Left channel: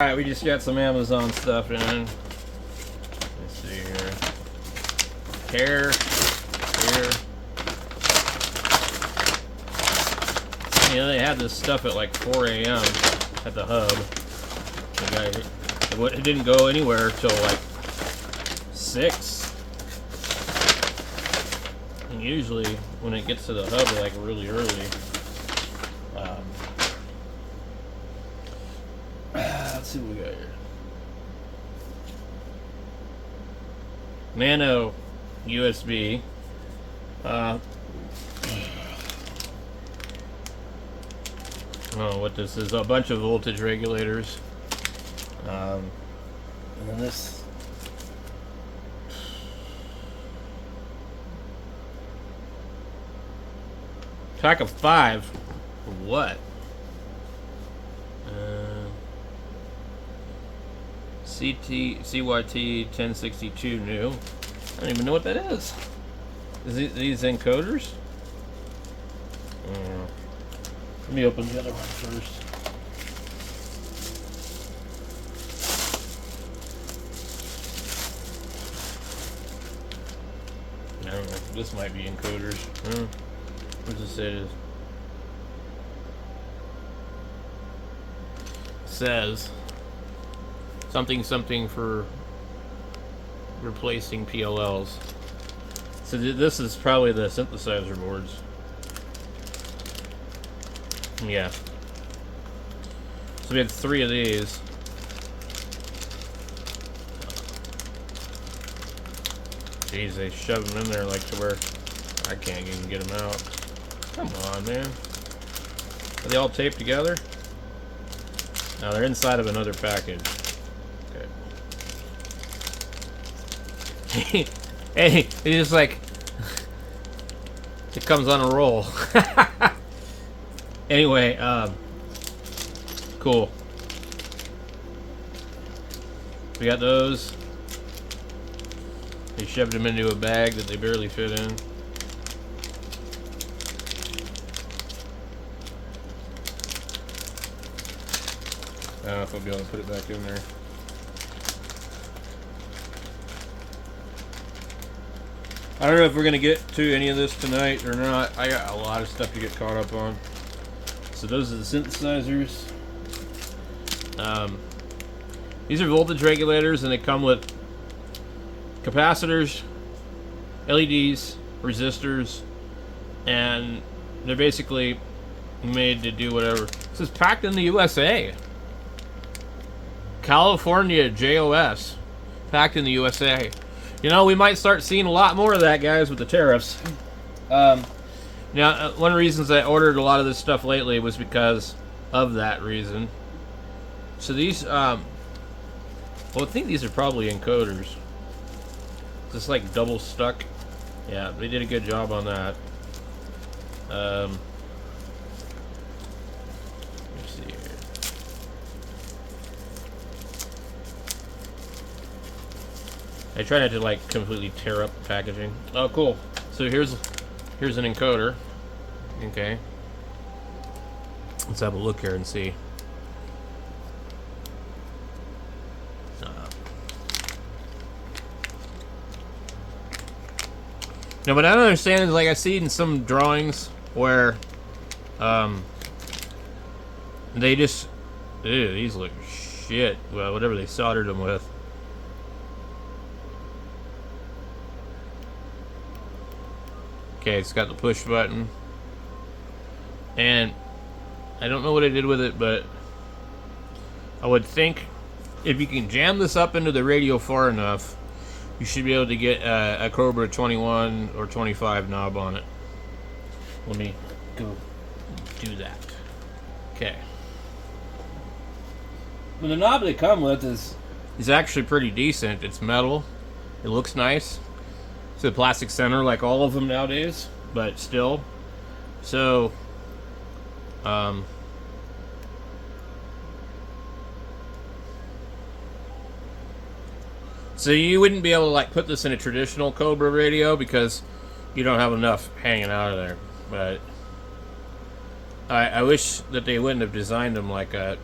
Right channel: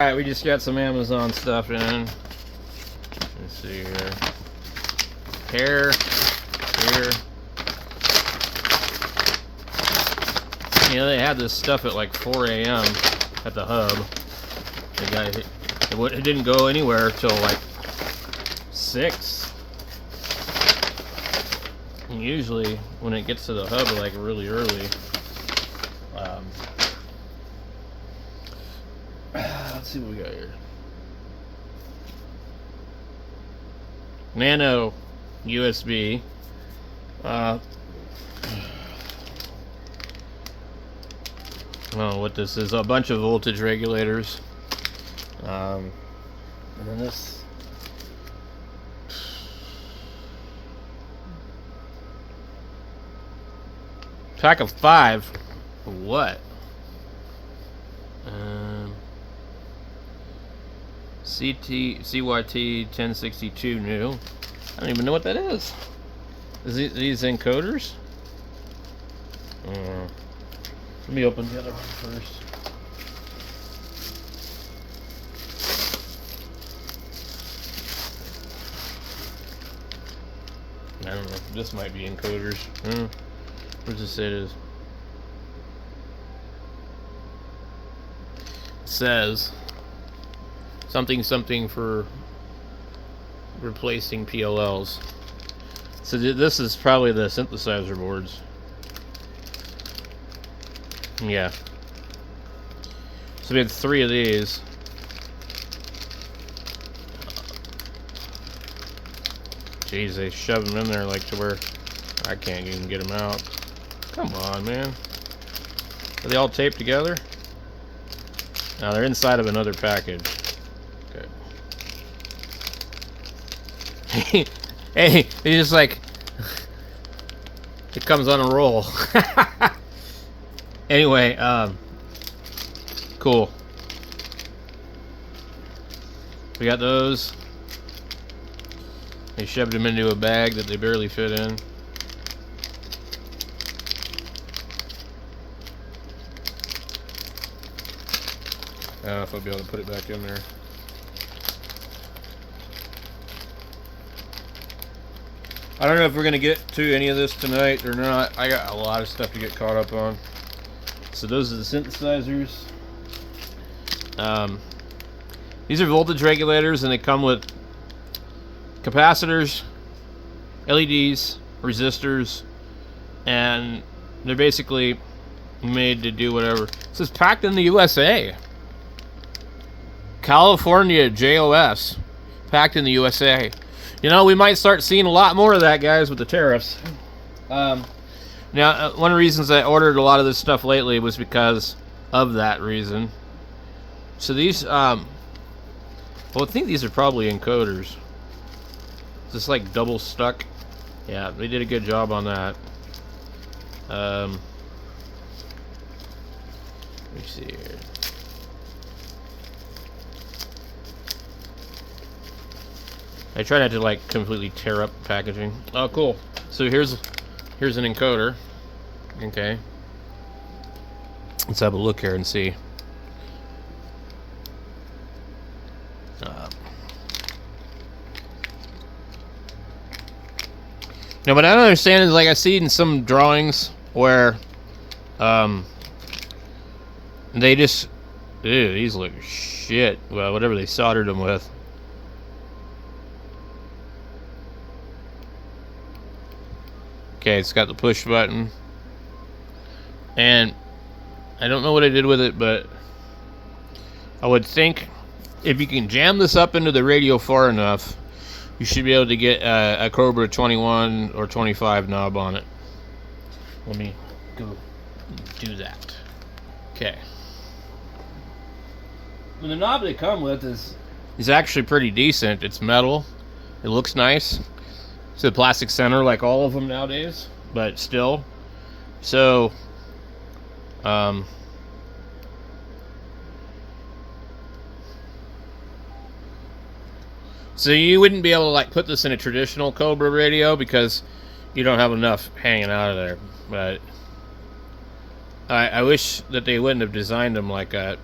Alright, we just got some Amazon stuff in. Let's see here. Here. Yeah, they had this stuff at like 4 a.m. at the hub. It didn't go anywhere till like 6. And usually when it gets to the hub, like really early. Let's see what we got here. Nano USB. I don't know what this is. A bunch of voltage regulators. And then this. Pack of 5. What? CYT 1062 new. I don't even know what that is. Is these encoders? Let me open the other one first. I don't know. This might be encoders. What does it say it is? It says something for replacing PLLs. So this is probably the synthesizer boards. Yeah. So we had 3 of these. Jeez, they shove them in there like to where I can't even get them out. Come on, man. Are they all taped together? No, they're inside of another package. Okay. Hey, it's just like it comes on a roll. Anyway, cool. We got those. They shoved them into a bag that they barely fit in. I don't know if I'll be able to put it back in there. I don't know if we're going to get to any of this tonight or not. I got a lot of stuff to get caught up on. So those are the synthesizers. These are voltage regulators, and they come with capacitors, LEDs, resistors, and they're basically made to do whatever. This is packed in the USA. California JOS. Packed in the USA. You know, we might start seeing a lot more of that, guys, with the tariffs. Now, one of the reasons I ordered a lot of this stuff lately was because of that reason. So these, well, I think these are probably encoders. Just like double stuck. Yeah, they did a good job on that. Let me see here. I try not to like completely tear up the packaging. Oh, cool. So here's an encoder. Okay. Let's have a look here and see. Now, what I don't understand is, like, I see in some drawings where they just, ew, these look shit. Well, whatever they soldered them with. Okay, it's got the push button. And I don't know what I did with it, but I would think if you can jam this up into the radio far enough, you should be able to get a Cobra 21 or 25 knob on it. Let me go do that. Okay. Well, the knob they come with is actually pretty decent. It's metal. It looks nice. It's a plastic center like all of them nowadays, but still. So, so you wouldn't be able to like put this in a traditional Cobra radio because you don't have enough hanging out of there. But I wish that they wouldn't have designed them like that.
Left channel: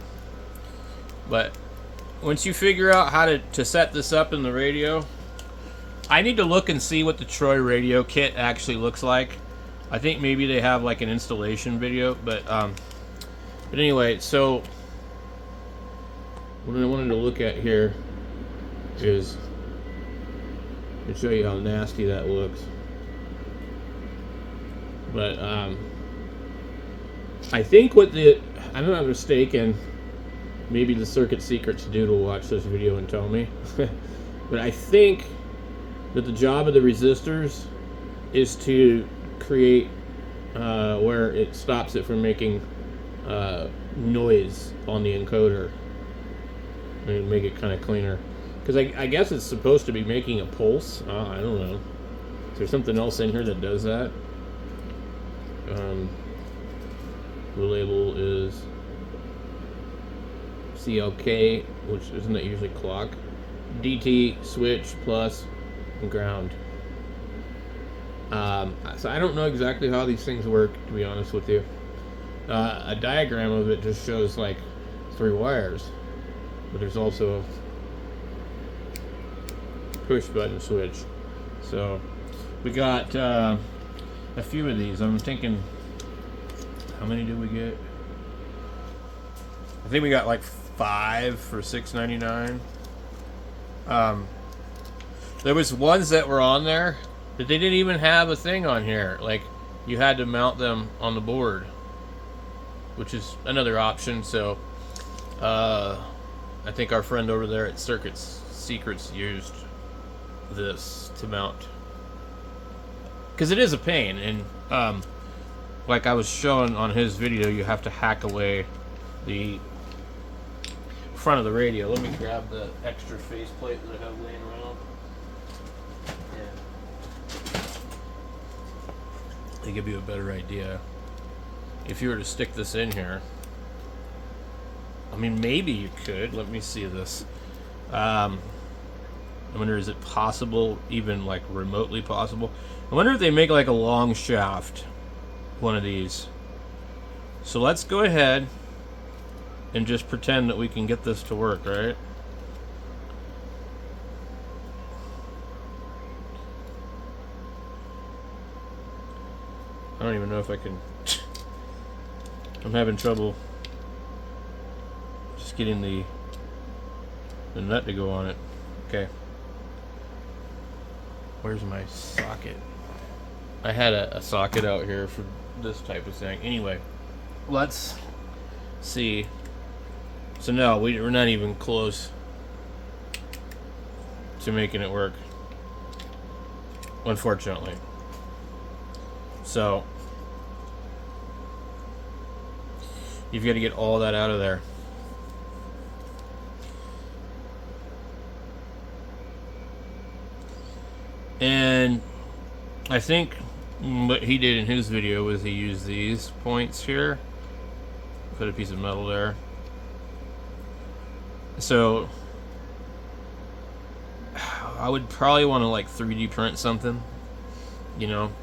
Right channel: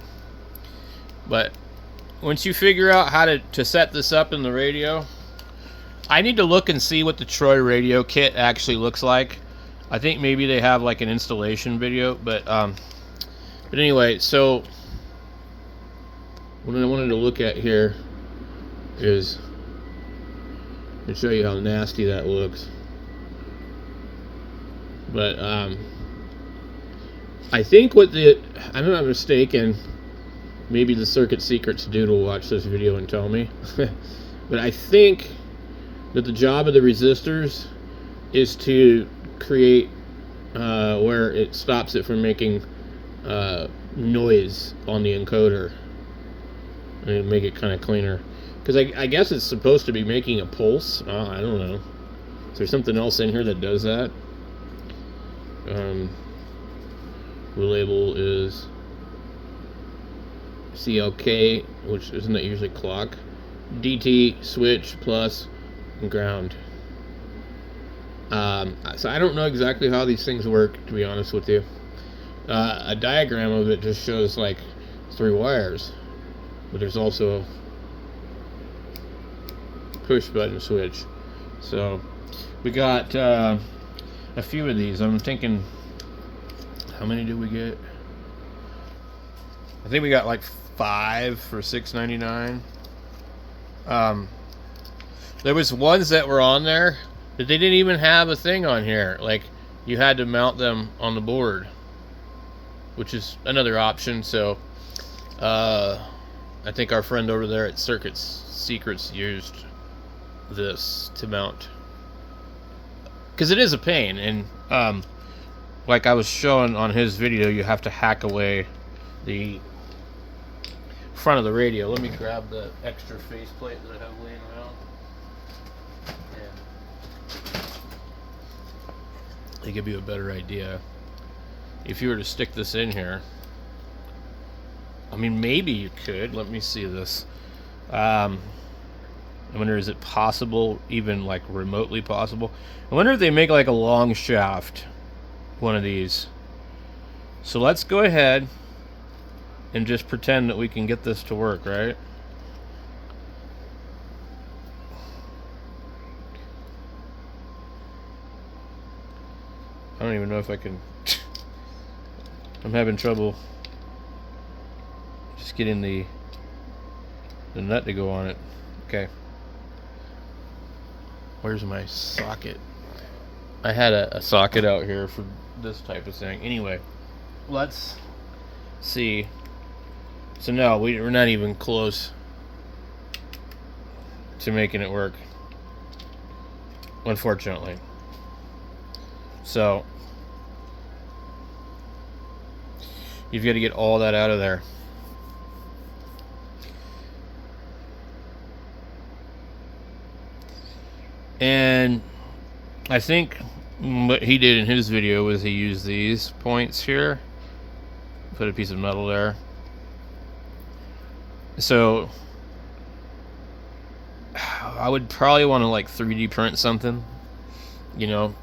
But once you figure out how to set this up in the radio, I need to look and see what the Troy radio kit actually looks like. I think maybe they have like an installation video, but anyway, so what I wanted to look at here is to show you how nasty that looks. But I think what I'm not mistaken, maybe the Circuit Secrets dude will watch this video and tell me, but I think that the job of the resistors is to create where it stops it from making noise on the encoder and make it kind of cleaner. Because I guess it's supposed to be making a pulse. I don't know. Is there something else in here that does that? The label is CLK, which isn't that usually clock. DT, switch, plus, and ground. So I don't know exactly how these things work, to be honest with you. A diagram of it just shows like 3 wires, but there's also a push button switch. So we got a few of these. I'm thinking, how many did we get? I think we got like 5 for $6.99. There was ones that were on there that they didn't even have a thing on here. Like, you had to mount them on the board, which is another option. So I think our friend over there at Circuit Secrets used this to mount, because it is a pain. And like I was showing on his video, you have to hack away the front of the radio. Let me grab the extra faceplate that I have laying around. To give you a better idea, if you were to stick this in here, I mean, maybe you could. Let me see this. I wonder, is it possible, even like remotely possible? I wonder if they make like a long shaft, one of these. So let's go ahead and just pretend that we can get this to work, right? I don't even know if I can. I'm having trouble just getting the nut to go on it. Okay. Where's my socket? I had a socket out here for this type of thing. Anyway, let's see. So no, we're not even close to making it work, unfortunately. So you've got to get all that out of there. And I think what he did in his video was he used these points here, put a piece of metal there. So I would probably want to like 3D print something, you know,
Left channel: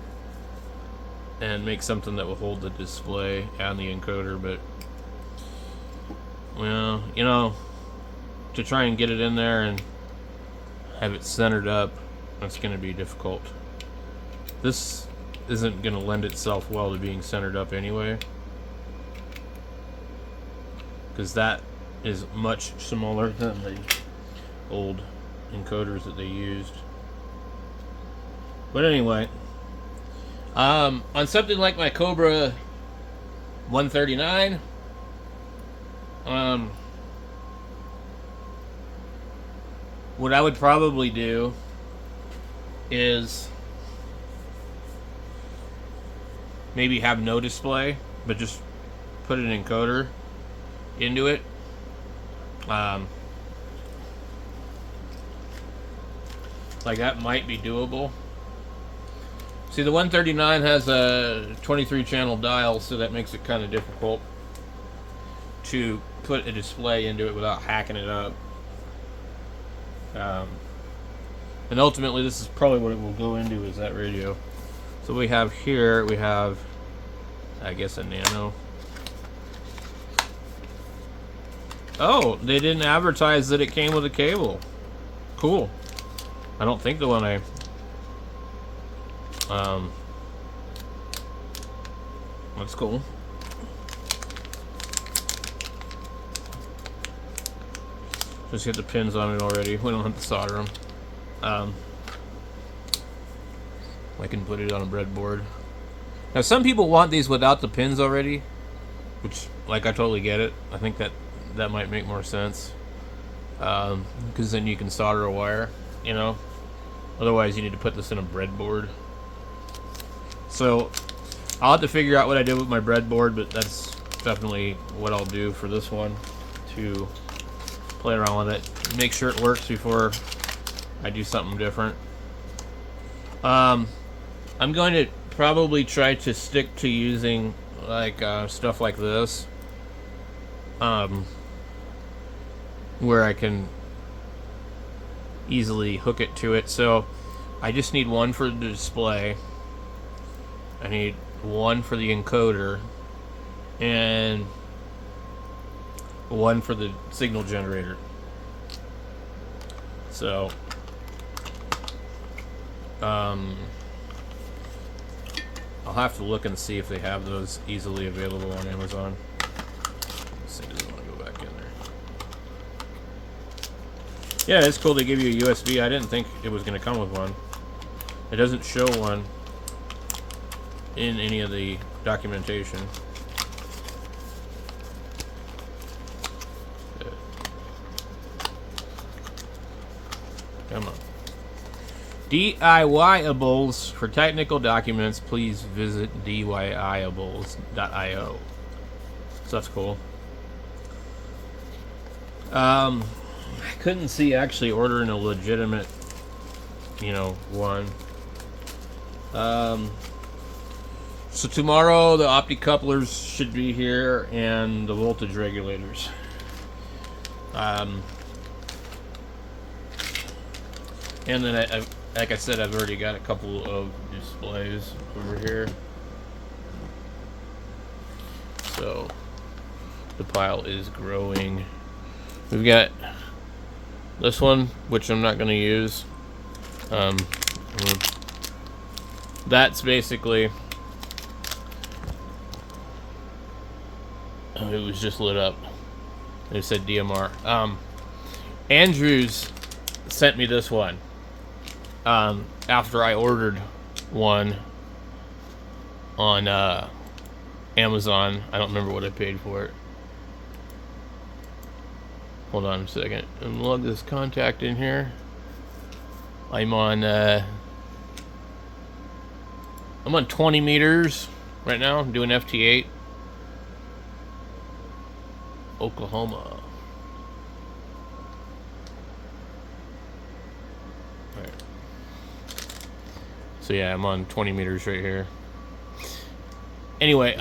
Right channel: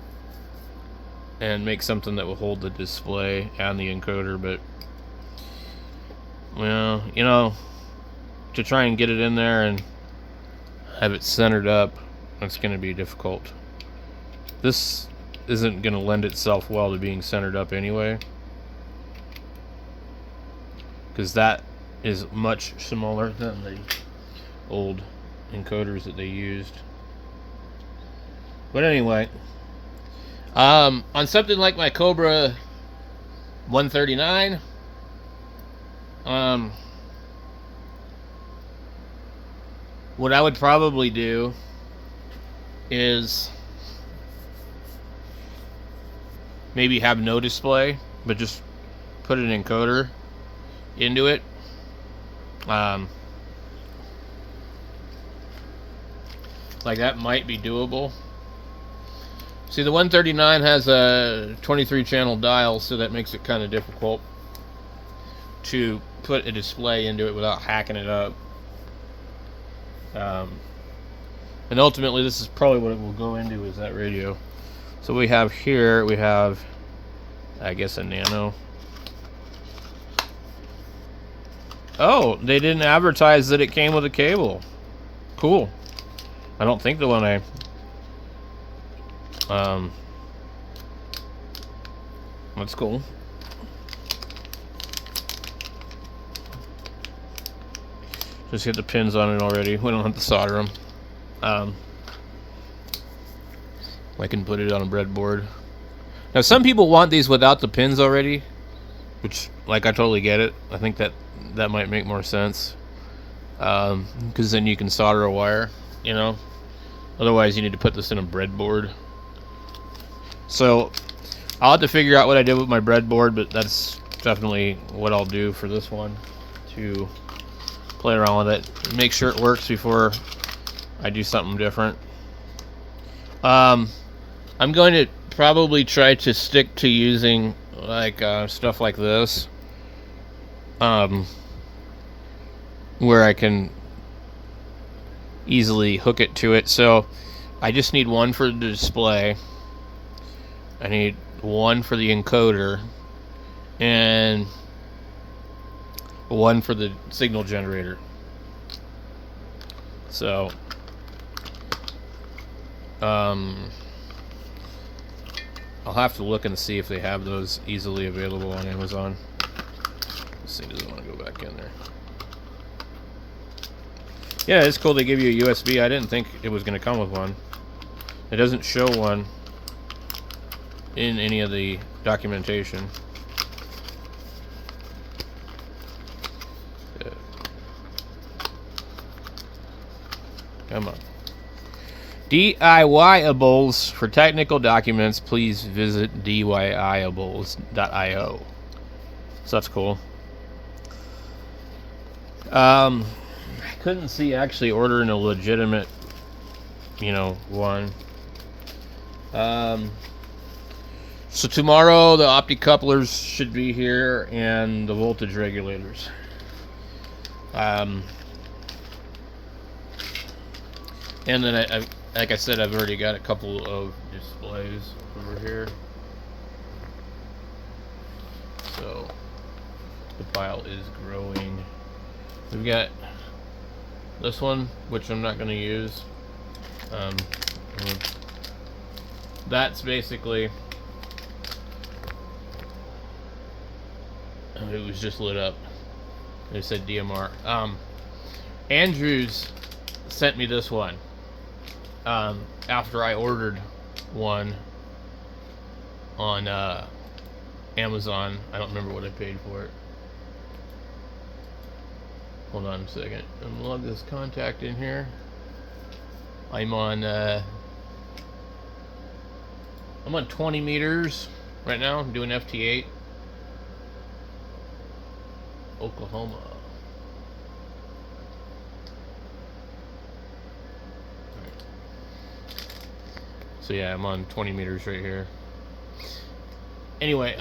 and make something that will hold the display and the encoder. But, well, you know, to try and get it in there and have it centered up, it's going to be difficult. This isn't going to lend itself well to being centered up anyway, because that is much smaller than the old encoders that they used. But anyway, on something like my Cobra 139, what I would probably do is maybe have no display, but just put an encoder into it. Like, that might be doable. See, the 139 has a 23 channel dial, so that makes it kind of difficult to put a display into it without hacking it up. And ultimately, this is probably what it will go into, is that radio. So we have here, we have, I guess, a nano. Oh, they didn't advertise that it came with a cable. Cool. I don't think the one I... That's cool. Just get the pins on it already. We don't have to solder them. I can put it on a breadboard. Now, some people want these without the pins already, which, like, I totally get it. I think that might make more sense, because then you can solder a wire, you know. Otherwise, you need to put this in a breadboard. So, I'll have to figure out what I did with my breadboard, but that's definitely what I'll do for this one, to play around with it, make sure it works before I do something different. I'm going to probably try to stick to using like stuff like this, where I can easily hook it to it. So I just need one for the display, I need one for the encoder, and one for the signal generator. So I'll have to look and see if they have those easily available on Amazon. Let's see, does it want to go back in there? Yeah, it's cool they give you a USB. I didn't think it was going to come with one. It doesn't show one in any of the documentation. Come on. DIYables. For technical documents, please visit DIYables.io. So that's cool. I couldn't see actually ordering a legitimate, one. So tomorrow the opticouplers should be here and the voltage regulators. And then like I said, I've already got a couple of displays over here. So the pile is growing. We've got this one, which I'm not going to use. That's basically... Oh, it was just lit up. It said DMR. Andrews sent me this one. After I ordered one on Amazon. I don't remember what I paid for it. Hold on a second. Unlog this contact in here. I'm on 20 meters right now. I'm doing FT8. Oklahoma. Right. So yeah, I'm on 20 meters right here. Anyway,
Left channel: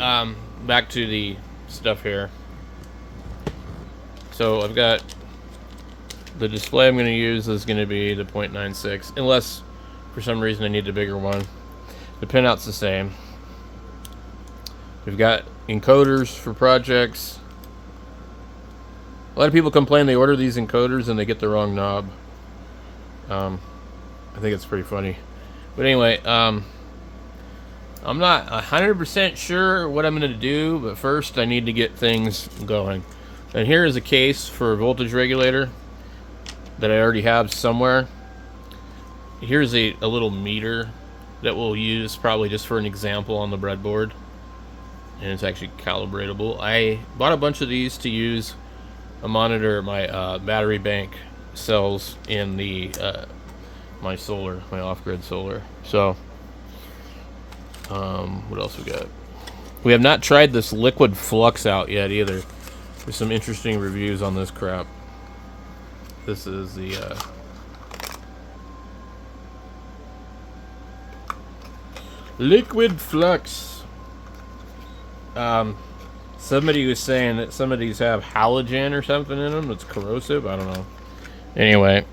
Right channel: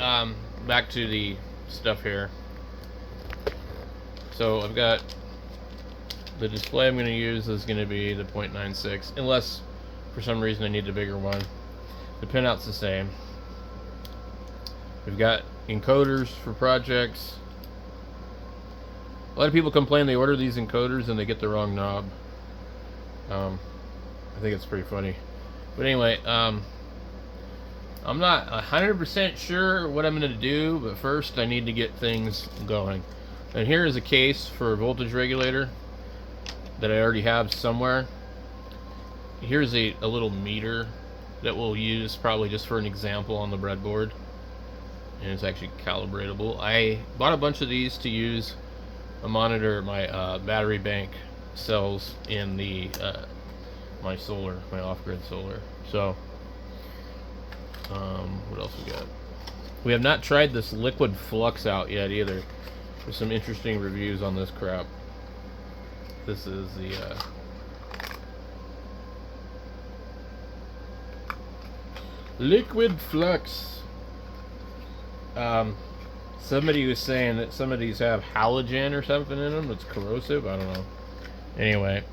back to the stuff here. So I've got the display I'm going to use is going to be the 0.96, unless for some reason I need a bigger one. The pinout's the same. We've got encoders for projects. A lot of people complain they order these encoders and they get the wrong knob. I think it's pretty funny. But anyway, I'm not 100% sure what I'm going to do, but first I need to get things going. And here is a case for a voltage regulator that I already have somewhere. Here's a little meter that we'll use probably just for an example on the breadboard. And it's actually calibratable. I bought a bunch of these to use a monitor my battery bank cells in the my solar, my off-grid solar. So what else we got? We have not tried this liquid flux out yet either. There's some interesting reviews on this crap. This is the liquid flux. Somebody was saying that some of these have halogen or something in them that's corrosive. I don't know. Anyway,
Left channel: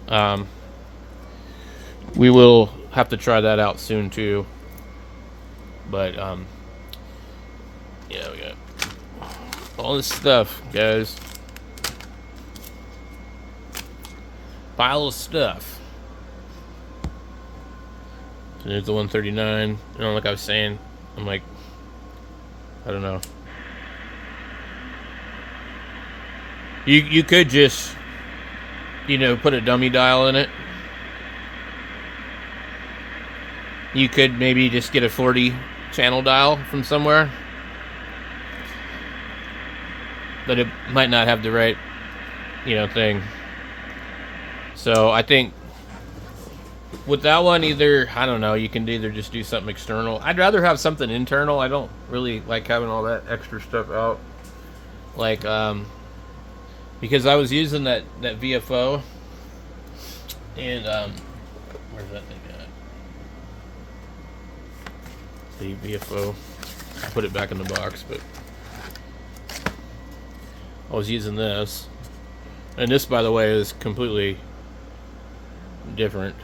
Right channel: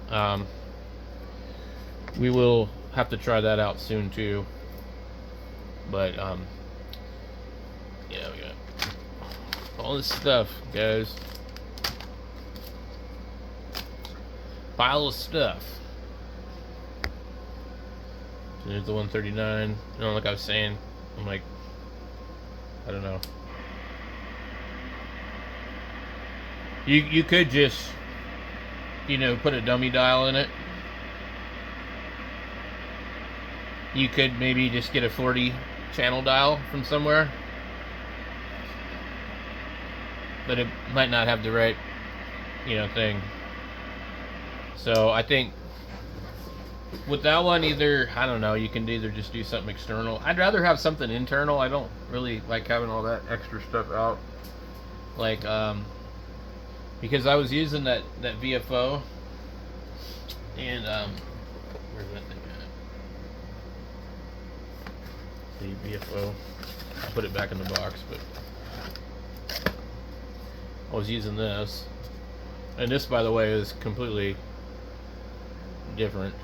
we will have to try that out soon too. But yeah, we got all this stuff, guys. Pile of stuff. So there's the 139. You know, like I was saying, I'm like, I don't know. You could just, you know, put a dummy dial in it. You could maybe just get a 40 channel dial from somewhere, but it might not have the right, you know, thing. So I think with that one, either, I don't know, you can either just do something external. I'd rather have something internal. I don't really like having all that extra stuff out. Like, because I was using that VFO, and where's that thing at? The VFO. I'll put it back in the box, but I was using this, and this, by the way, is completely different.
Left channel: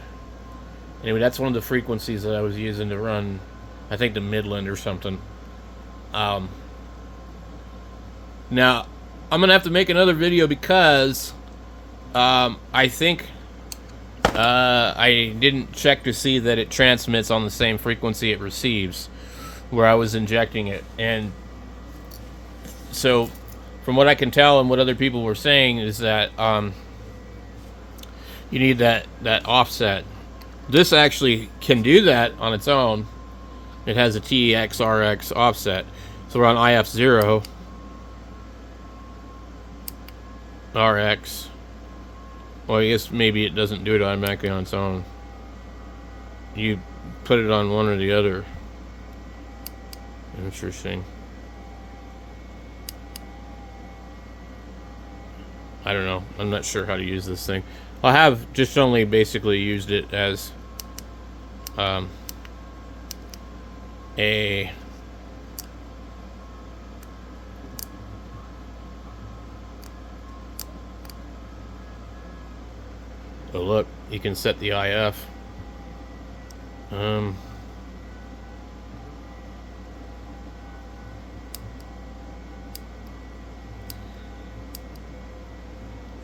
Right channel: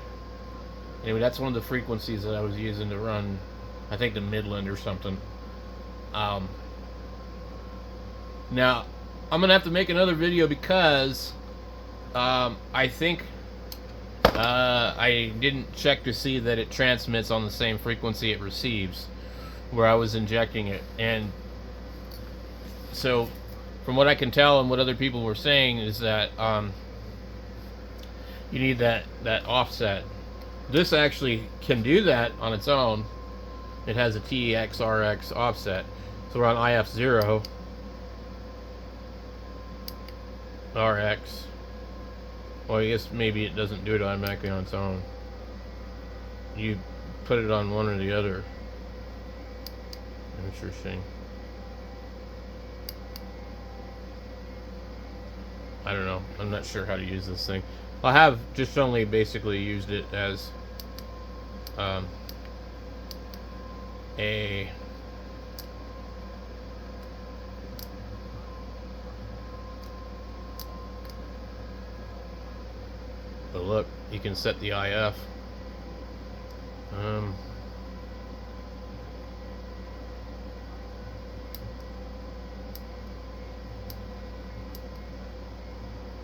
Anyway, that's one of the frequencies that I was using to run, I think, the Midland or something. Now, I'm going to have to make another video because I think I didn't check to see that it transmits on the same frequency it receives where I was injecting it. And so, from what I can tell and what other people were saying is that you need that offset. This actually can do that on its own. It has a TX RX offset. So we're on IF0 RX. Well, I guess maybe it doesn't do it automatically on its own. You put it on one or the other. Interesting. I don't know. I'm not sure how to use this thing. I have just only basically used it as a oh, look, you can set the IF.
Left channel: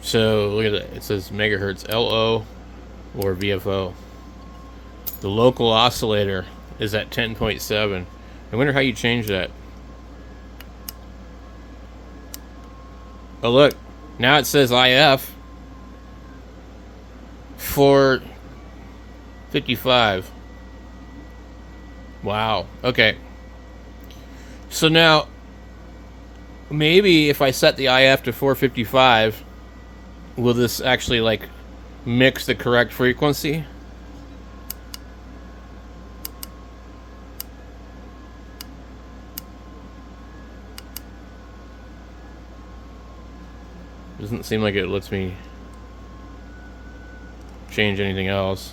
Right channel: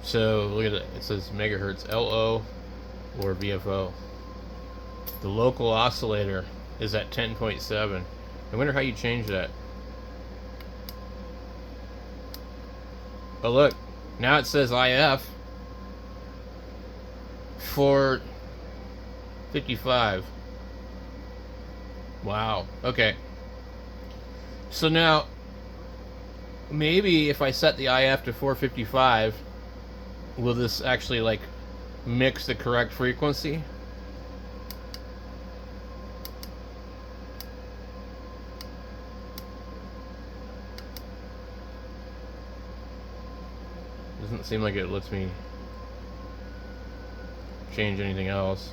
So look at that. It says megahertz LO or VFO. The local oscillator is at 10.7. I wonder how you change that. Oh look, now it says IF 455. Wow. Okay. So now maybe if I set the IF to 455, will this actually like mix the correct frequency? Doesn't seem like it lets me change anything else.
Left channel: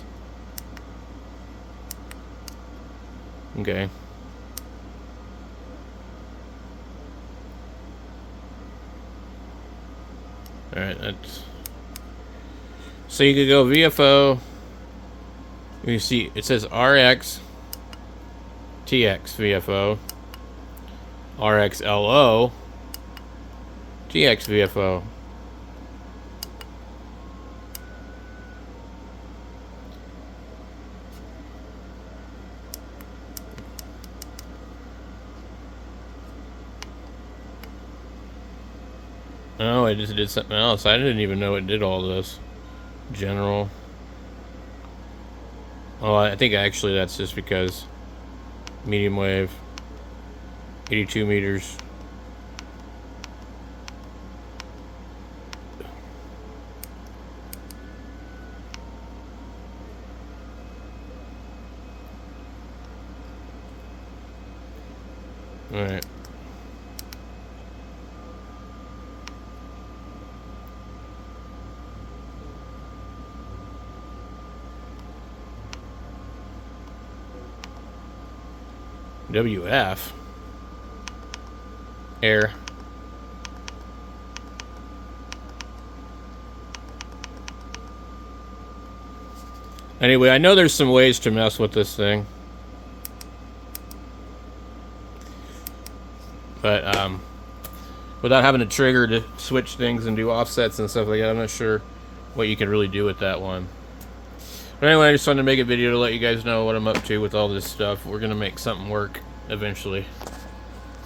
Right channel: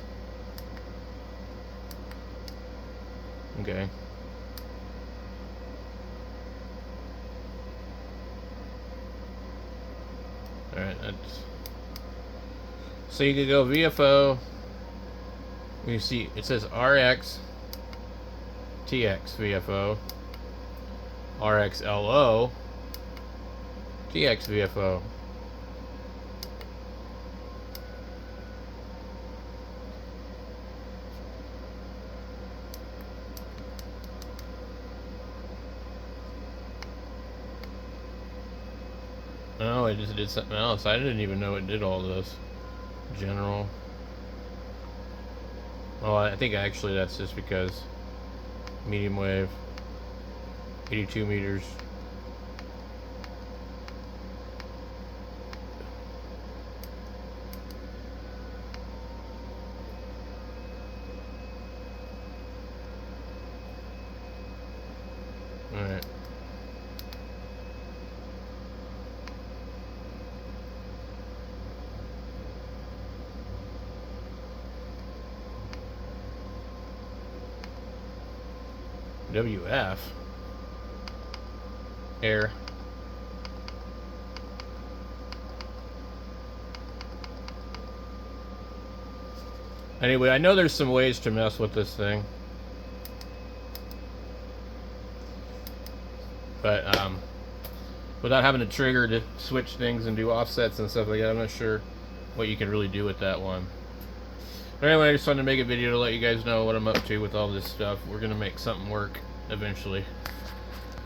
Okay. Alright, that's... So you could go VFO. You see, it says RX, TX VFO, RX LO, TX VFO. Oh, I just did something else. I didn't even know it did all this. General. Oh, I think actually that's just because medium wave, 82 meters. All right. WF air. Anyway, I know there's some ways to mess with this thing, but without having to trigger to switch things and do offsets and stuff like that, I'm not sure what you can really do with that one. But anyway, I just wanted to make a video to let you guys know what I'm up to with all this stuff. We're gonna make something work eventually.